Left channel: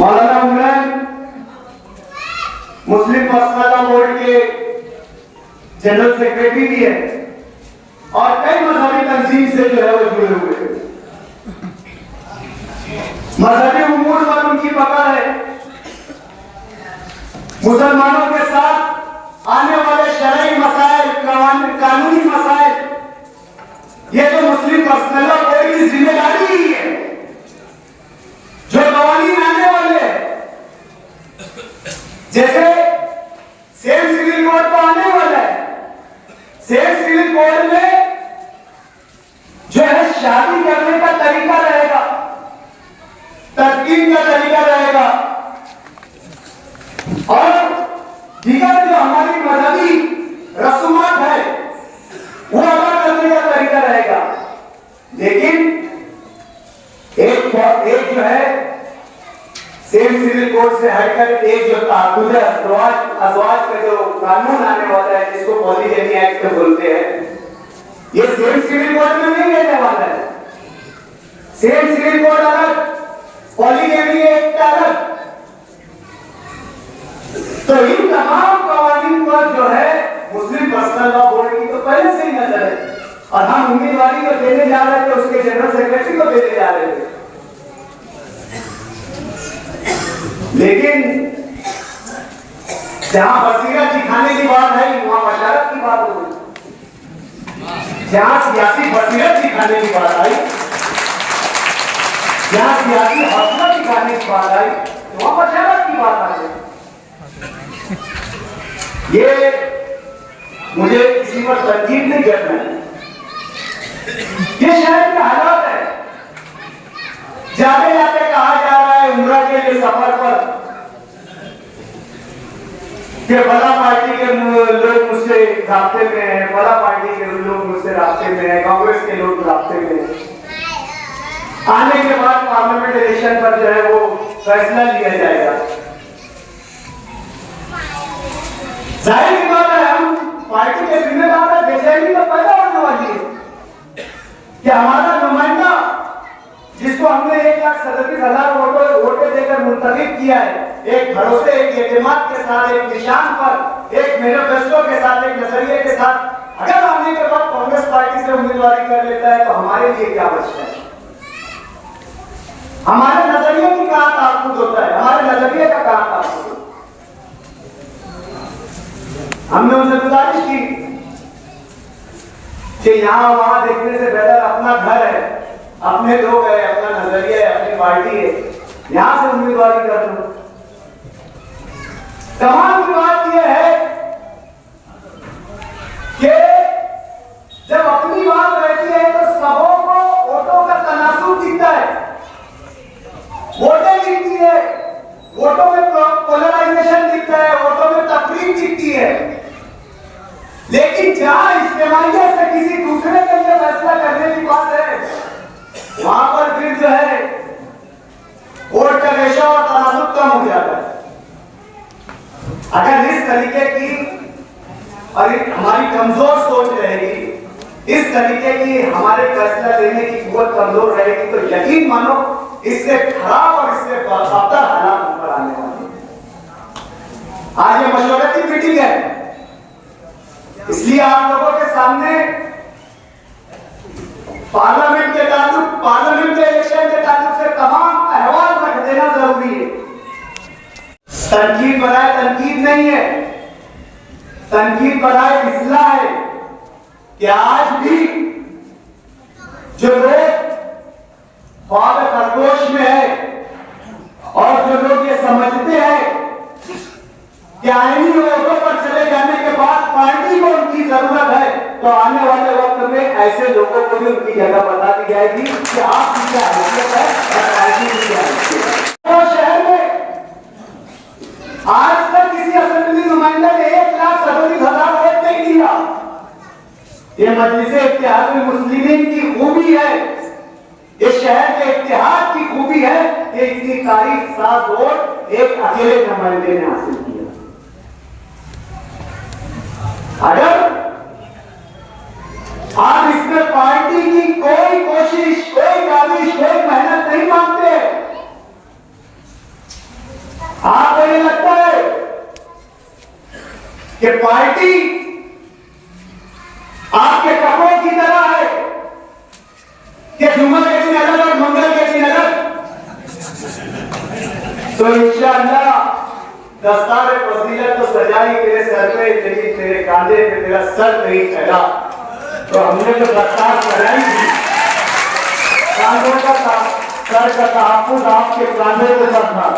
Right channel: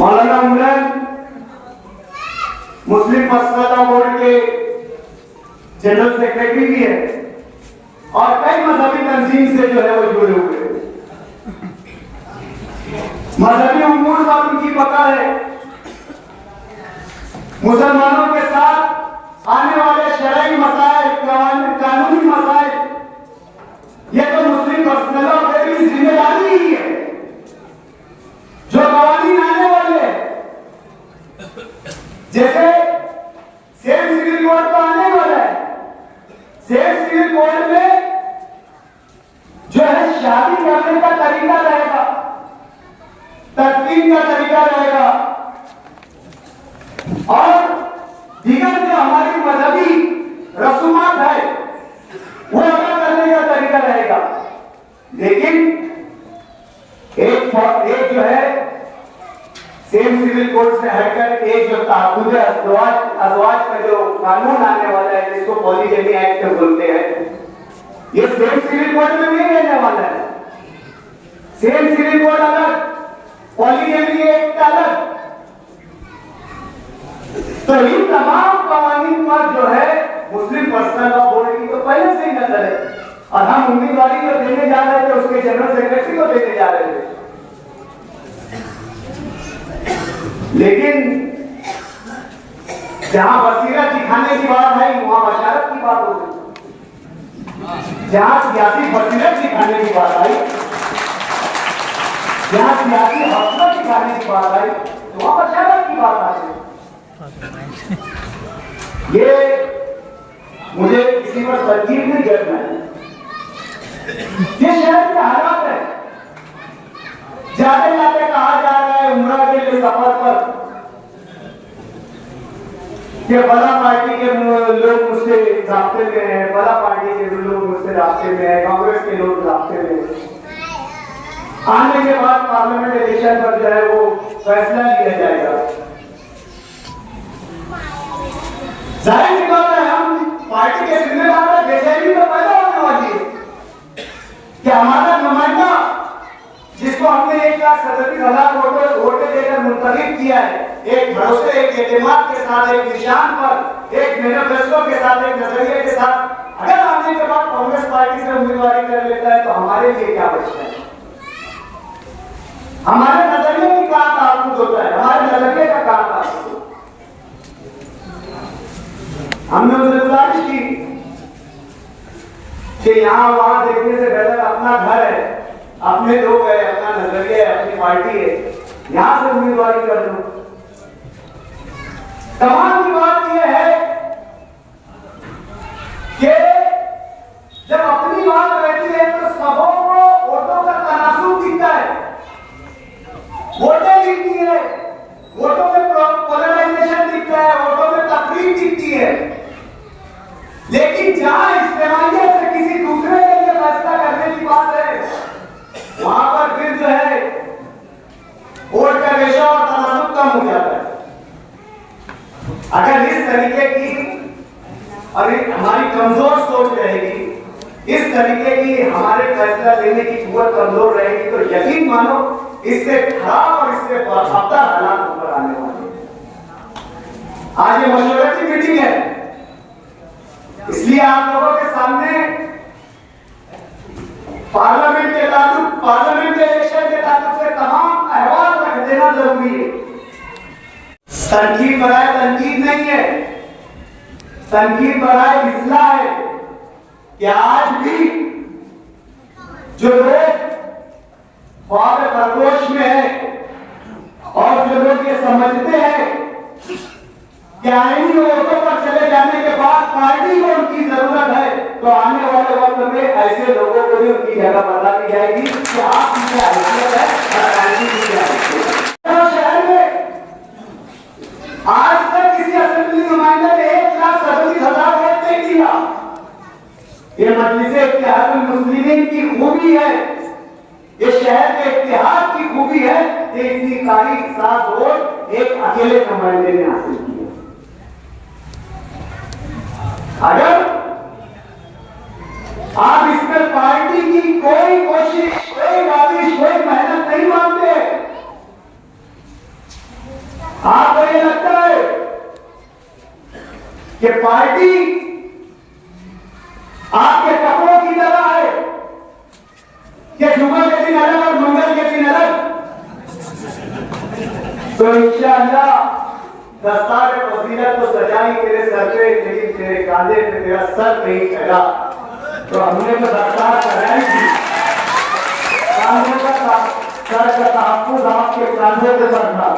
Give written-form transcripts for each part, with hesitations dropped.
मौलाना इमरान मुस्लिम मसला बोर्ड के general secretary भी है और कई मजहबी तंजीम से जो है वो जुड़े हुए हैं। मजहबी उमूर पर उनकी पकड़ है। मुसलमानों के साथ आने वाले शरई मसाइल, कानूनी मसाइल, ये तो मुस्लिम पर्सनलों की जिम्मेदारी ही है। जो कवानीन आने वाले हैं, जैसे सेम सिविल कोड तो आने वाला है। सेम सिविल कोड में जो है शादी करने का तरीका रहेगा, तस्कीन का तरीका रहेगा और दीगर जो हमारी मजहबी रसूमात है वो अदा करने का तरीका रहेगा। लेकिन एक जो है सेम सिविल कोड से हटकर एक जो ताकुद अज़वाज का जो कानून आने वाला है, जिसको पॉलीगैमी एक्ट बोलते हैं, ये सेम सिविल कोड में नहीं रहने वाला है। सेम सिविल कोड अलग, पॉलीगैमी एक्ट अलग। तो इन तमाम कानून पर जो है मुस्लिम पर्सनल लॉ बोर्ड की तो पहले से ही नजर है और हम उम्मीदवारी को देने जा रहे थे, उसके जनरल सेक्रेटरी को देने जा रहे थे। लेकिन जहां बसीरत दिखाने की बात है वहां बशारत की बात हो गई। जहां सियासी बसीरत दिखाने की बात आई, जहां सियासी हौसला दिखाने की बात आई, वहां बशारत की बात आ गई। ये मुझे किसी पर तनकीद नहीं करना है, ये शहर के हालात है। जाते जाते कहा जा रहा है उम्रा के लिए सफर पर कि बड़ा पार्टी के लोग मुझसे रास्ते में है, बड़ा पार्टी के लोग मुझसे रास्ते में है, कांग्रेस के लोग रास्ते में है। आने के बाद पार्लियामेंट इलेक्शन पर जो है वो फैसला लिया जाएगा। जाहिर सी बात है, हम पार्टी के जिम्मेदार पर बेचैनी तो पैदा होने वाली है कि हमारा नुमाइंदा जिसको हमने 1,37,000 वोटें देकर मुंतखब किया है, एक भरोसे, एक एतमाद के साथ, एक निशान पर, एक मैनिफेस्टो के साथ, एक नजरिए के साथ अगर आने के बाद कांग्रेस पार्टी से उम्मीदवारी कर लेता है तो हमारे लिए क्या बचता है? हमारे नजरिए की कहां ताल्लुक होता है? हमारे नजरिए का कहां ताल्लुक? हमने उनसे गुजारिश की कि यहां वहां देखने से बेहतर अपना घर है, अपने लोग है, अपना नजरिया है, अपनी पार्टी है, यहां से उम्मीदवारी कर लो। कमाल की बात यह है कि जब अपनी बात रहती है तो सबों को वोटों का तनासुब दिखता है, वोटें दिखती है, वोटों में पोलराइजेशन दिखता है, वोटों में तकरीब दिखती है। लेकिन जहां इस्तेमालियत से किसी दूसरे के लिए फैसला करने की बात है, वहां पर फिर जो है वोट का रेशो और तनासुब कम हो जाता है। अगर इस तरीके की और हमारी कमजोर सोच रहेगी, इस तरीके की हमारे फैसला लेने की कुव्वत कमजोर रहेगी, तो यकीन मानो इससे खराब और इससे बदतर हालात ऊपर आने वाले हैं। आज ये मशवरती मीटिंग है, इसलिए आप लोगों के सामने पार्लियामेंट के ताल्लुक, पार्लियामेंट के इलेक्शन के ताल्लुक से तमाम अहवाल रख देना जरूरी है। तनकीद बनाए तनकीद नहीं है, तनकीद बनाए इस्लाह है कि आज भी जो लोग ख्वाब खरगोश में है और जो लोग ये समझते हैं कि आईनी वोटों पर चले जाने के बाद पार्टी को उनकी जरूरत है, तो आने वाले वक्त में ऐसे लोगों को भी उनकी जगह बता दी जाएगी कि आपकी क्या हैसियत है और पार्टी की क्या हैसियत है। शहर में आज तक किसी असेंबली नुमाइंदे ने 1,37,000 वोट नहीं दिया। ये मजलिस इत्तेहादुल मुस्लिमीन की खूबी है, इस शहर के इत्तेहाद की खूबी है कि इतनी तारीख साथ वोट एक अकेले नुमाइंदे ने हासिल किया। अगर आप इसमें पार्टी की कोई कोशिश, कोई काबिश, कोई मेहनत नहीं मानते, कि पार्टी आपके कपड़ों की तरह है कि जुम्मा के दिन अलग और मंगल के दिन अलग। तो इंशाअल्लाह दस्तार फजीलत तो सजाई तेरे सर पे, लेकिन तेरे कांधे पे तेरा सर नहीं चढ़ा। तो हमने तो दस्तार सजाई थी, कांधों का सर का तहफ्फुज़ आपके कांधों पे था,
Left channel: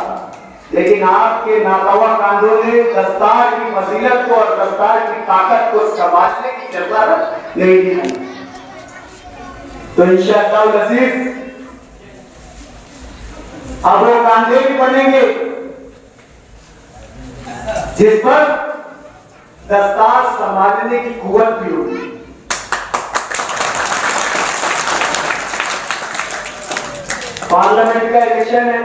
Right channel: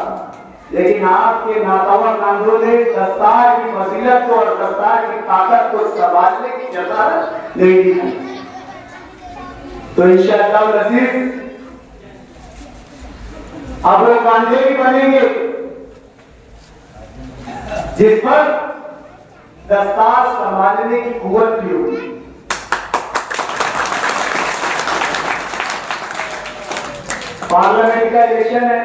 लेकिन आपके नातावा कांधों ने दस्तार की फजीलत को और दस्तार की ताकत को संभालने की जरूरत नहीं दी। तो इंशाअल्लाह अज़ीज़ अब वो कांधे भी बनेंगे जिस पर दस्तार संभालने की कुव्वत भी होगी। पार्लियामेंट का इलेक्शन है,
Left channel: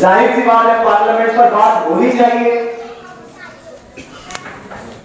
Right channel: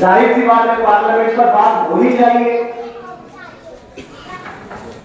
जाहिर सी बात है पार्लियामेंट पर बात होनी चाहिए।